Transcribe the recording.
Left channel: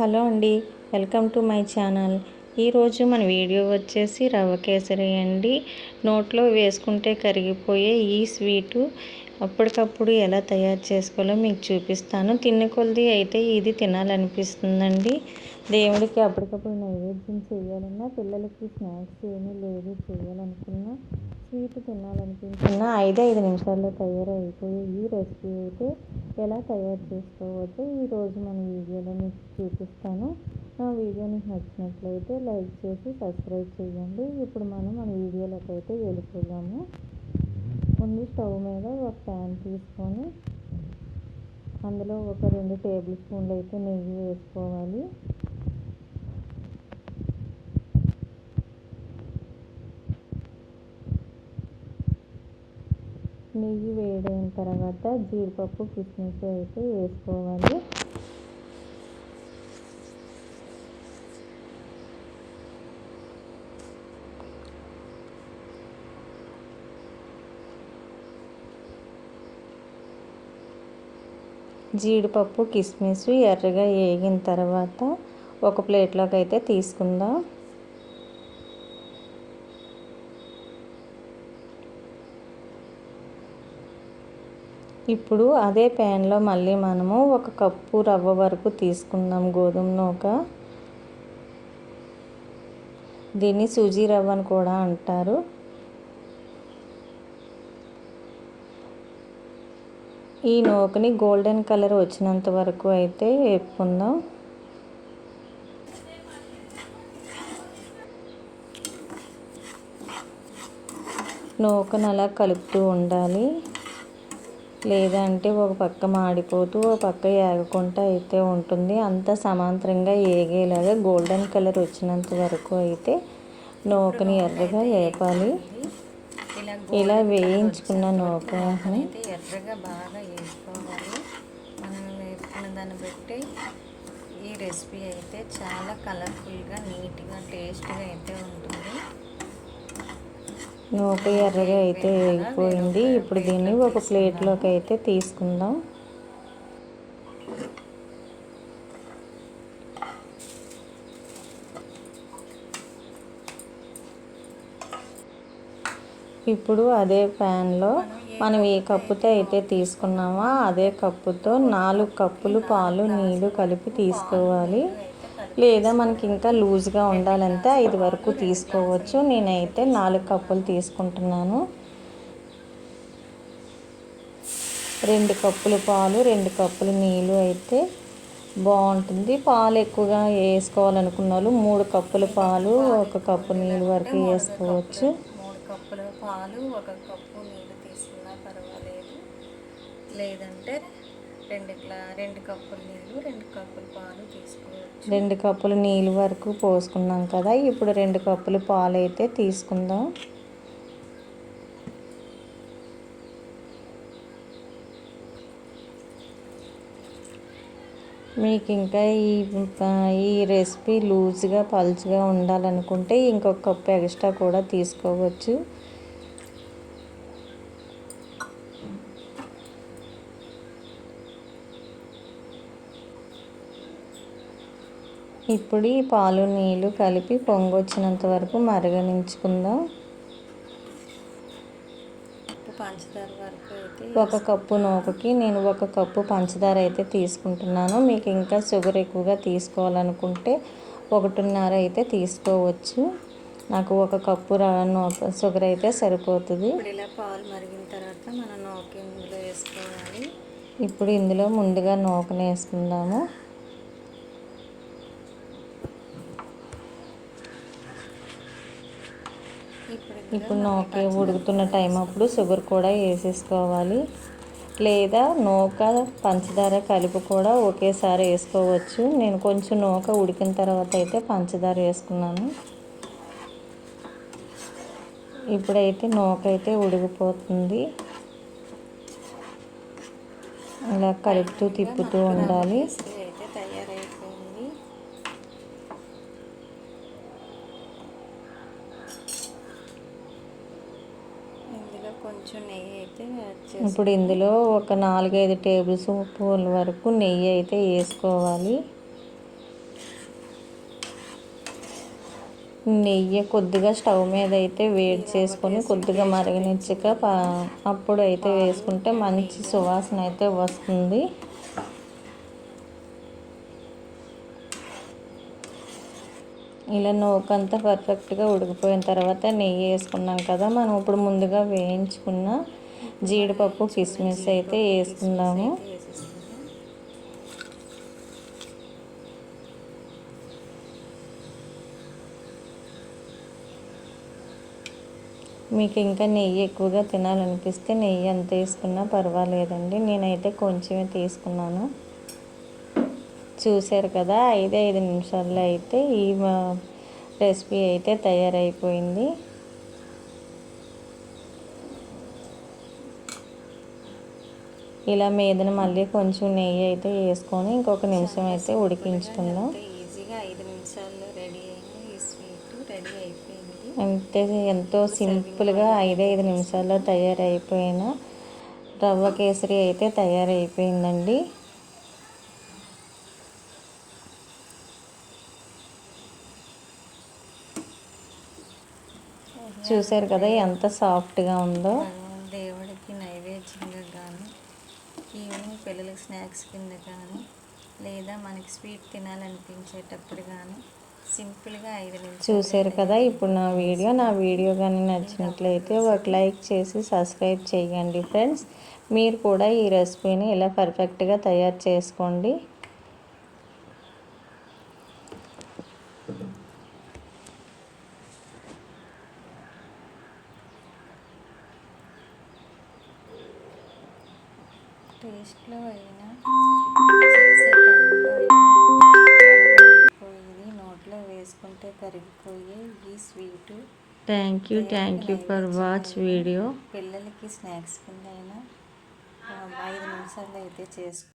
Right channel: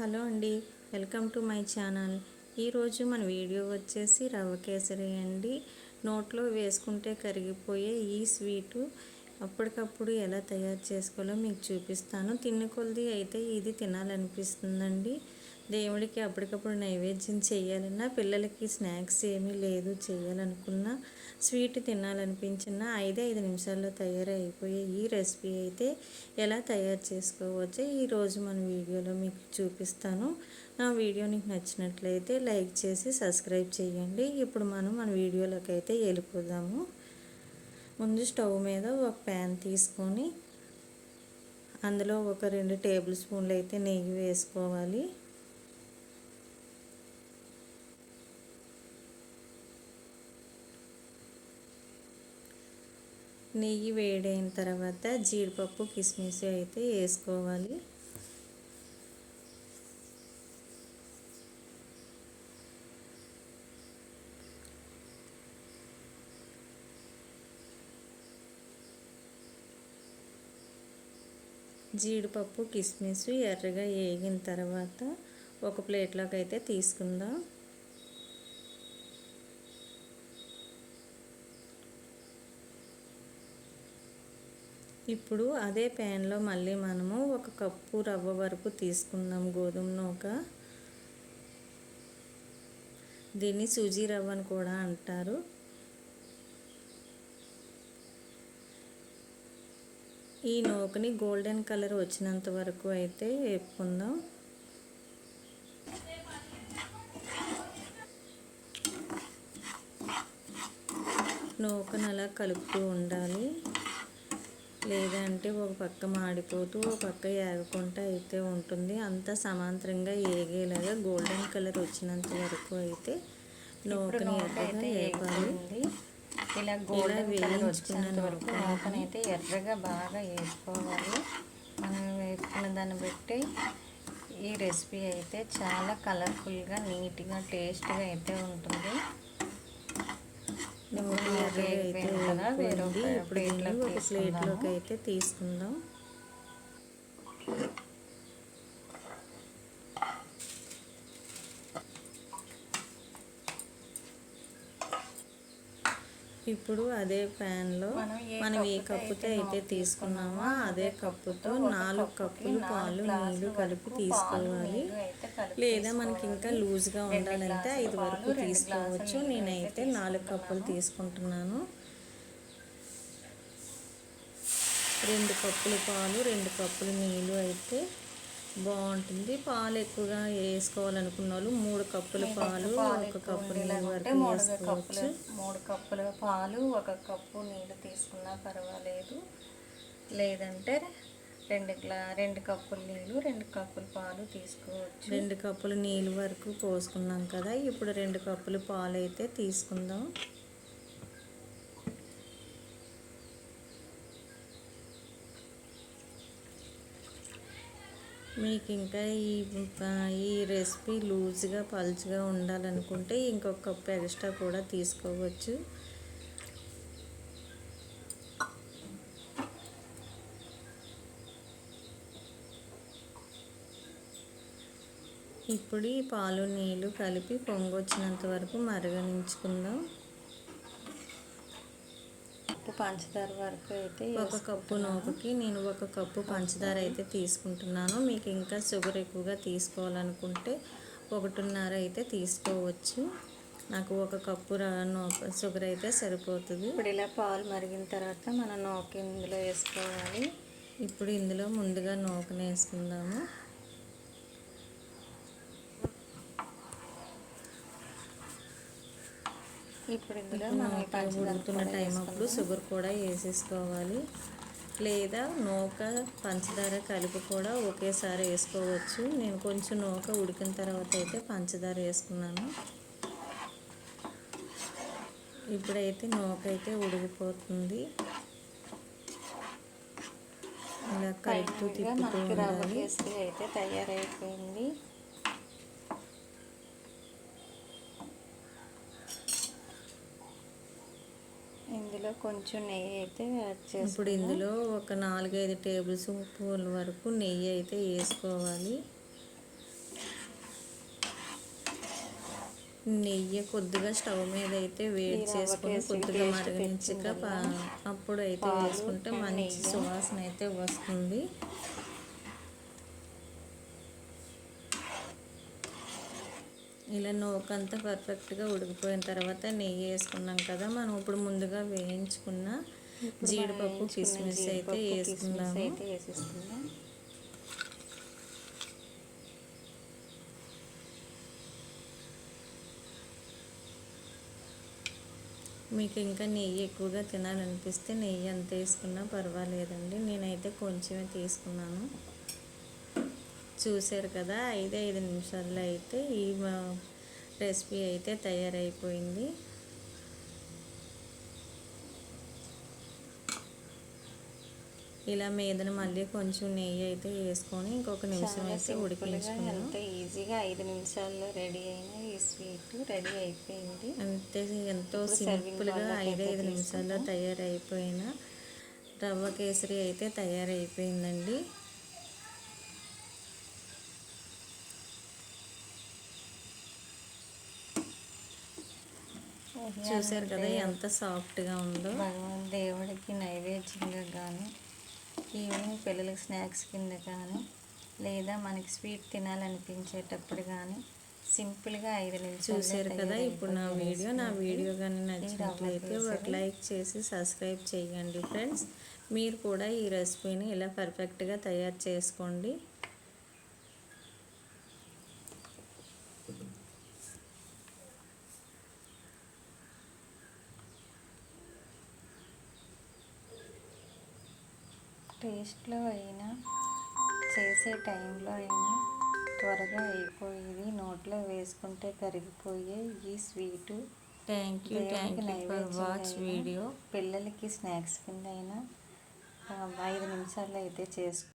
Hello అండి welcome to my channel. ఈరోజు మన వీడియో వచ్చేసి రవ్వ కేసరి అండి. నోట్లో వేసుకుంటే కరిగిపోయే ఈ స్వీటు అప్పటికప్పుడు ఎలా తయారు చేసుకోవాలో మీకు చూపిస్తాను. తిన్న కొలది అయితే ఇది తినాలనిపిస్తుందండి. దేవుడికి అప్పటికప్పుడు నైవేద్యం చేయాలన్నా పిల్లలకి స్నాక్స్ ఏమీ లేదు చేయాలనుకున్నా స్వీట్ తినాలనిపించిన ఐదు ఐదు నిమిషాల్లో తయారైపోయే ఈ రెసిపీ అయితే ఎలా తయారు చేసుకోవచ్చో ఈరోజు మన వీడియోలో మీకు చూపిస్తాను. నా వీడియో నీకు నచ్చినట్లయితే లైక్ చేసి సబ్స్క్రైబ్ చేయండి ఇప్పుడు మనం మన వీడియోలోకి అయితే వెళ్ళిపోదాము. ముందు స్టవ్ మీద ఒక ప్యాన్ తీసుకొని అందులో ఒక రెండు టేబుల్ స్పూన్లు అయితే నెయ్యి వేసుకోవాలి. నెయ్యి వేడైన తర్వాత జీడిపప్పు కిస్మిస్ అయితే వేసుకోవాలి. జీడిపప్పు కిస్మిస్ ఎర్రగా వేగిన తర్వాత ఒక ప్లేట్లోకి అయితే తీసుకుందాం. ఇప్పుడు అదే ప్యాన్లో మళ్ళీ మనము ఒక కప్పు రవ్వ వరకు తీసుకుందాం గోధుమ నూక. దీన్ని సూజీ రవ్వ అని కూడా అంటారు. ఈ నూకని గోల్డెన్ కలర్ వచ్చినంత వరకు అయితే వేపుకుందాం. నూకను అలా కలుపుతూ ఉండాలి. లేదంటే ఒక పక్క మాడిపోతూ ఒక పక్క ఏగకుండా అయితే ఉంటుంది. అంత సమాంతరంగా ఏగేలాగా గోల్డెన్ కలర్ వచ్చినంత వరకు అయితే నూకని ఎర్రగా వేపాలి ఇలా వేయించుకున్న నూక అయితే ఎర్రగా బాగా వేసుకోవాలి మనం వేసుకున్న దాన్ని బట్టి ఈ రెసిపీ అయితే చాలా కలర్ఫుల్గా నీట్గా టేస్ట్గా అయితే ఉంటుంది. నూక ఎర్రగా అయితే వేగిపోయింది ఇప్పుడు దీన్ని ఒక ప్లేట్లోకి అయితే తీసుకుందాం. ఇప్పుడు అదే ప్యాన్లో మనం ఏ కప్పుతో అయితే తీసుకున్నామో అదే కప్పుతో నాలుగు కప్పులు పాలు నీళ్ళు కలిపి తీసుకోవాలి. లేదా మనకి ఇంకా లూజ్గా ఉండాలంటే ఐదు వరకు తీసుకోవచ్చు. నేనైతే నాలుగు కప్పులు తీసుకుంటున్నాను. రెండు కప్పులు పాలు రెండు కప్పులు నీళ్ళు అయితే బాగుంటుంది. పాలు ఎక్కువగా వేసుకోవాలనుకున్న వాళ్ళు మూడు కప్పుల పాలు ఒక కప్పు నీళ్ళు వరకు వేసుకోవచ్చు. మూడు కప్పుల పాలు ఒక కప్పు నీళ్ళు తీసుకున్నా పర్వాలేదు. లేదంటే రెండు గ్లా రెండు కప్పులు నీళ్ళు రెండు కప్పులు పాలు తీసుకోవచ్చు. రెండు కప్పులు నీళ్ళు వరకు పోసుకున్నాం కదా ఇప్పుడు రెండు కప్పులు పాలు అయితే తీసుకుందాం. మీకు ఇంకా ఈ ఈ రెసిపీ లూజ్గా పలుచుగా ఉండాలనుకుంటే ఇంకొక కప్పు ఎక్స్ట్రా కూడా తీసుకోవచ్చు. ఇప్పుడు ఈ పాలు నీళ్ళు కలిపి పొంగొచ్చినంత వరకు మరగనించుకుందాం. పంచదార వరకు అయితే ఒక కప్పు నూకకి నేను ఒక కప్పు పంచదార అయితే తీసుకుంటున్నాను. మీకు ఇంకా షుగర్ ఎక్కువగా తీసుకోవాలనుకుంటే ఒకటిన్నర అయితే తీసుకోవచ్చు. నాకు ఒక కప్పు నూక షుగర్ అయితే సరిపోతుంది. ఇప్పుడు ఇలా పాలు మరిగిన తర్వాత మనం నూక ఇందులో వేసుకోవాలి. ఇప్పుడు ఇందులో ముందుగా నూకను వేసుకుందాము. ఇప్పుడు నూక ఉడుకుతున్న టైం అప్పుడు షుగర్ కూడా వేసేసుకోవాలి. లేదా నూక పంచదార కలిపి కూడా ఒకేసారి వేసుకోవచ్చు. నేను కొంచెం నూక ఉడికిన తర్వాత అయితే పంచదార వేసుకున్నాను. ఇప్పుడైతే నూక అయితే ఉడికిపోతుంది. ఇలా కలుపుతూ తిప్పుతూ ఉండాలి. అయితే తయారైపోయింది. ఇందులో కొంచెం నెయ్యి అయితే యాడ్ చేసి ఇప్పుడు ఇందులో ఒక నాలుగైదు టేబుల్ స్పూన్ల వరకు నెయ్యి అయితే వేసుకోవాలి. నెయ్యి కొద్దిగా స్టవ్ మీద అయితే వేడి చేసుకొని కొద్దిగా మరగనిచ్చాక అప్పుడు అయితే వేసుకుంటే మంచి సువాసన అయితే వస్తుంది. ఇలా నూకంతా పర్ఫెక్ట్గా ఉడికిపోయిన తర్వాత నెయ్యి వేసుకున్నాం కదా మనం ఇప్పుడు ముందుగా వేయించుకున్న జీడిపప్పు కిస్మిస్ అయితే వేసుకుందాము. మీకు ఇంకా నెయ్యి ఎక్కువగా తినాలనిపిస్తే నెయ్యి ఎంత వేసుకున్నా పర్వాలేదండి. నేనైతే కొంచెమే తీసుకున్నాను. చూశారు కదా ఐదు ఐదు నిమిషాల్లో అయితే ఈ రెసిపీ అయితే తయారైపోయింది. ఇలా మీదన మళ్ళీ కొంచెం నెయ్యి అయితే వేసుకొని ఇంకొక నిమిషం అయితే ఉడికించుకుందాం. ఈజీగా ఐదు నిమిషాల్లో రెడీ అయిన ఈ స్వీట్ రెడీ అయిపోయింది. అంతే ఎంతో సింపుల్గా ఐదు ఐదు నిమిషాల్లో తయారైపోయిన రవ్వ కేసరి అయితే తయారైపోయిందండి. చూశారు కదా ఎంత సాఫ్ట్గా ఉందో. దేవుడికి నైవేద్యంగా కానీ ఈవినింగ్ పిల్లలకి స్నాక్స్ కింద కానీ లేదా మనకి స్వీట్ తినాలనిపించేటప్పుడు కానీ సింపుల్గా ఐదు నిమిషాలు చూశారు కదా ఇప్పుడు నా వీడియో. నా వీడియో కానీ నచ్చినట్లయితే ఒక లైక్ చేసి సబ్స్క్రైబ్ చేయండి ఫ్రెండ్స్. మీరు కూడా ఈ రెసిపీని ఇలా పర్ఫెక్ట్గా తయారు చేసుకోండి. టేస్ట్లో అయినా చేసే టైంలో అయినా త్వరగా అయిపోయేది. నోట్లో వేసుకుంటే కరిగిపోయే ఈ sweet. Thank you thank you for watch video. పిల్లలకి స్నాక్స్ కింద అయినా ఐదు నిమిషాల్లో అయితే చేసుకో